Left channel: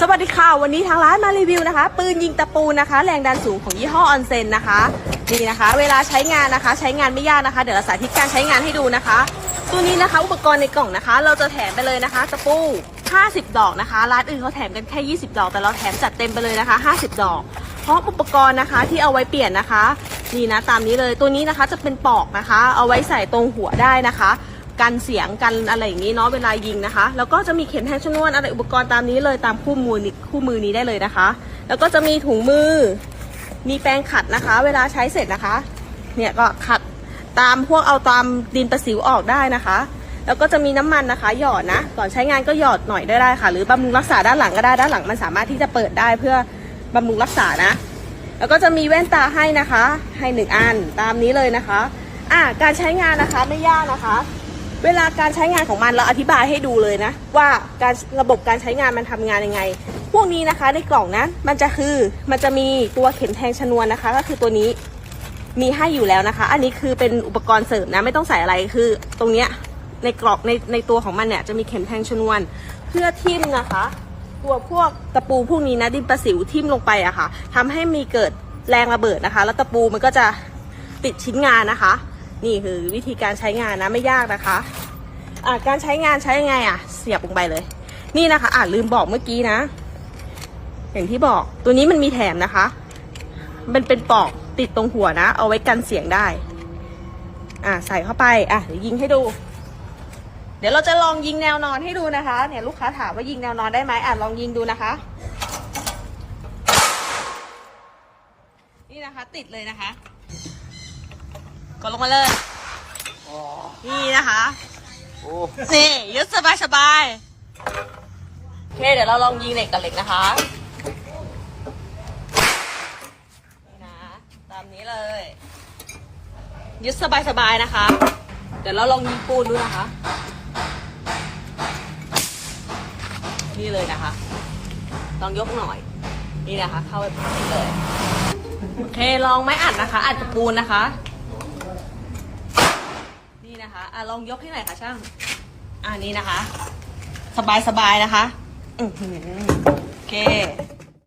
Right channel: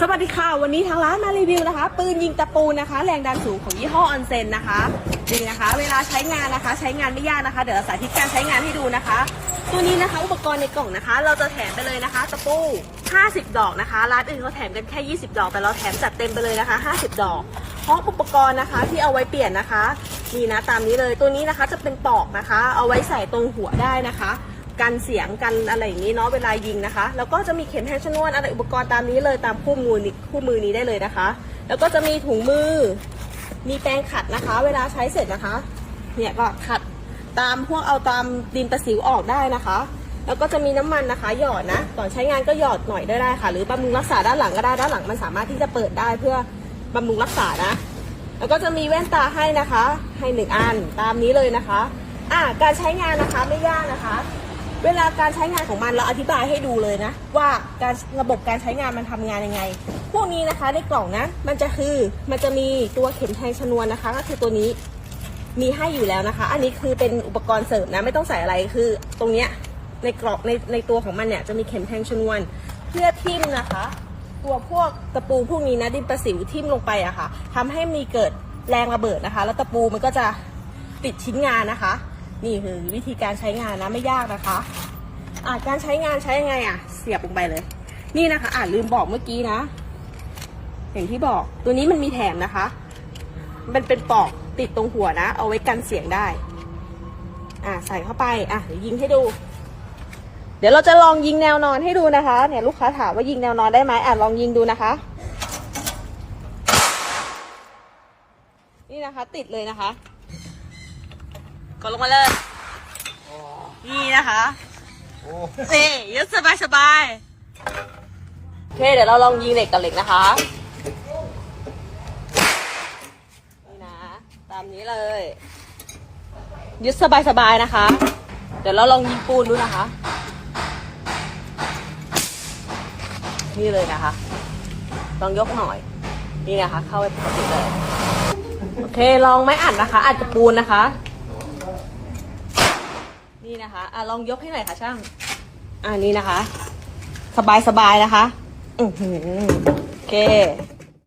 สวัสดีค่ะ วันนี้ทางร้านมารีวิวนะคะ ปืนยิงตะปูนะคะ แรงดันสูงของยี่ห้อออนเซนนะคะนี่นะคะ เวลาใช้งานนะคะ ใช้งานไม่ยากนะคะ เดี๋ยวเราสาธิตการใช้งานให้ดูนะคะ ตัวนี้นะคะ อุปกรณ์ในกล่องนะคะ เราจะแถมไปเลยนะคะ ตะปู 50 ดอกนะคะ ร้านอื่นเขาแถมกันแค่ 20 ดอก แต่เราแถมจัดเต็มไปเลยนะคะ 50 ดอก เพราะอุปกรณ์นะคะที่เอาไว้เปลี่ยนนะคะ นี่นะตามนี้เลย ตัวนี้นะคะจะเป็นปอกนะคะ เอาไว้ใส่ตรงหัวได้นะคะ กันเสียงกันอะไรอย่างนี้เนาะเวลายิงนะคะ แล้วก็จะมีเข็มแทงชนวนอะไรอุปกรณ์ตามนี้เลยตามคู่มือนี้คู่มือนี้ได้เลยนะคะ แล้วก็จะมีถุงมือ มีแปรงขัดนะคะ เวลาใช้เสร็จนะคะ เนี่ยก็ขัดตามพวกเอาตามดินประสิวออกได้นะคะ แล้วก็จะมีน้ำมันนะคะ หยอดนะก่อนใช้งานก็หยอดหน่อยได้ได้ค่ะ หรือบำรุงรักษาด้านหลังก็ได้ด้านหลังมันสามารถที่จะเปิดได้เพื่อบำรุงรักษานะ แล้วก็จะมีแว่นตาให้นะคะ ให้หนึ่งอันตามนี้เลยนะคะ อ่าการใช้งานนะคะไม่ยากนะคะ เวลาการใช้งานของมันเราอธิบายให้ดูเลยนะ ว่าการระบบการใช้งานมันทำงานยังไง พวกนี้นะคะในกล่องนะมันจะคือมันจะมีตัวเข็มแทงชนวนนะคะ ก็คือตัวนี้มีให้อยู่แล้วนะคะ อันนี้คือเป็นอุปกรณ์เสริมนะไม่ต้องใส่อะไรคือ ตรงเนี้ยในกล่องในในตัวของมันเนี่ยจะมีเข็มแทงชนวน เพื่อทิ่มนะคะตัวพวกตะปูพวกนี้นะดินประสิวทิ่มลงไปอะค่ะทำให้มีเกิดแรงระเบิดนะคะ แล้วตะปูมันก็จะปิดชิ้นงานนะคะ นี่คือวิธีการใช้งานนะไม่ยากนะคะ อะการใช้งานใช้ยังไงอะ เสียบลงไปเลย นี่นะคะ อะลืมบอกเมื่อกี้นะ อย่างที่บอกตัวนี้มันมีแถมนะคะ มันเป็นปอกติดตรงหัวนะ เอาไว้กันเสียงได้ อะใส่เข้าไป อะเดี๋ยวยิงให้ดู เดี๋ยวเราจะลองยิงแนวนอนให้ดูนะคะ เนี่ยลูกค้าถามว่ายิงแนวนอนได้ไหมอะลองยิงดูนะคะ นี่นะคะ ติดเลยนะคะ กดลงมาเลย นี่นะคะ นี่ยึดสบายสบายโอเคเดี๋ยวเราลองยิงเหล็กกับเหล็กนะคะนี่นะตามนี้เลย ยึดสบายสบายนะคะ เดี๋ยวเราลองยิงปูนดูนะคะ นี่เลยนะคะ ลองยกหน่อย นี่นะคะ เข้า โอเคลองไม่ขันนะคะ อาจจะปูนนะคะ นี่นะคะอะลองยกให้หน่อยค่ะช่างอันนี้นะคะ สบายสบายๆนะคะ อือหือโอเค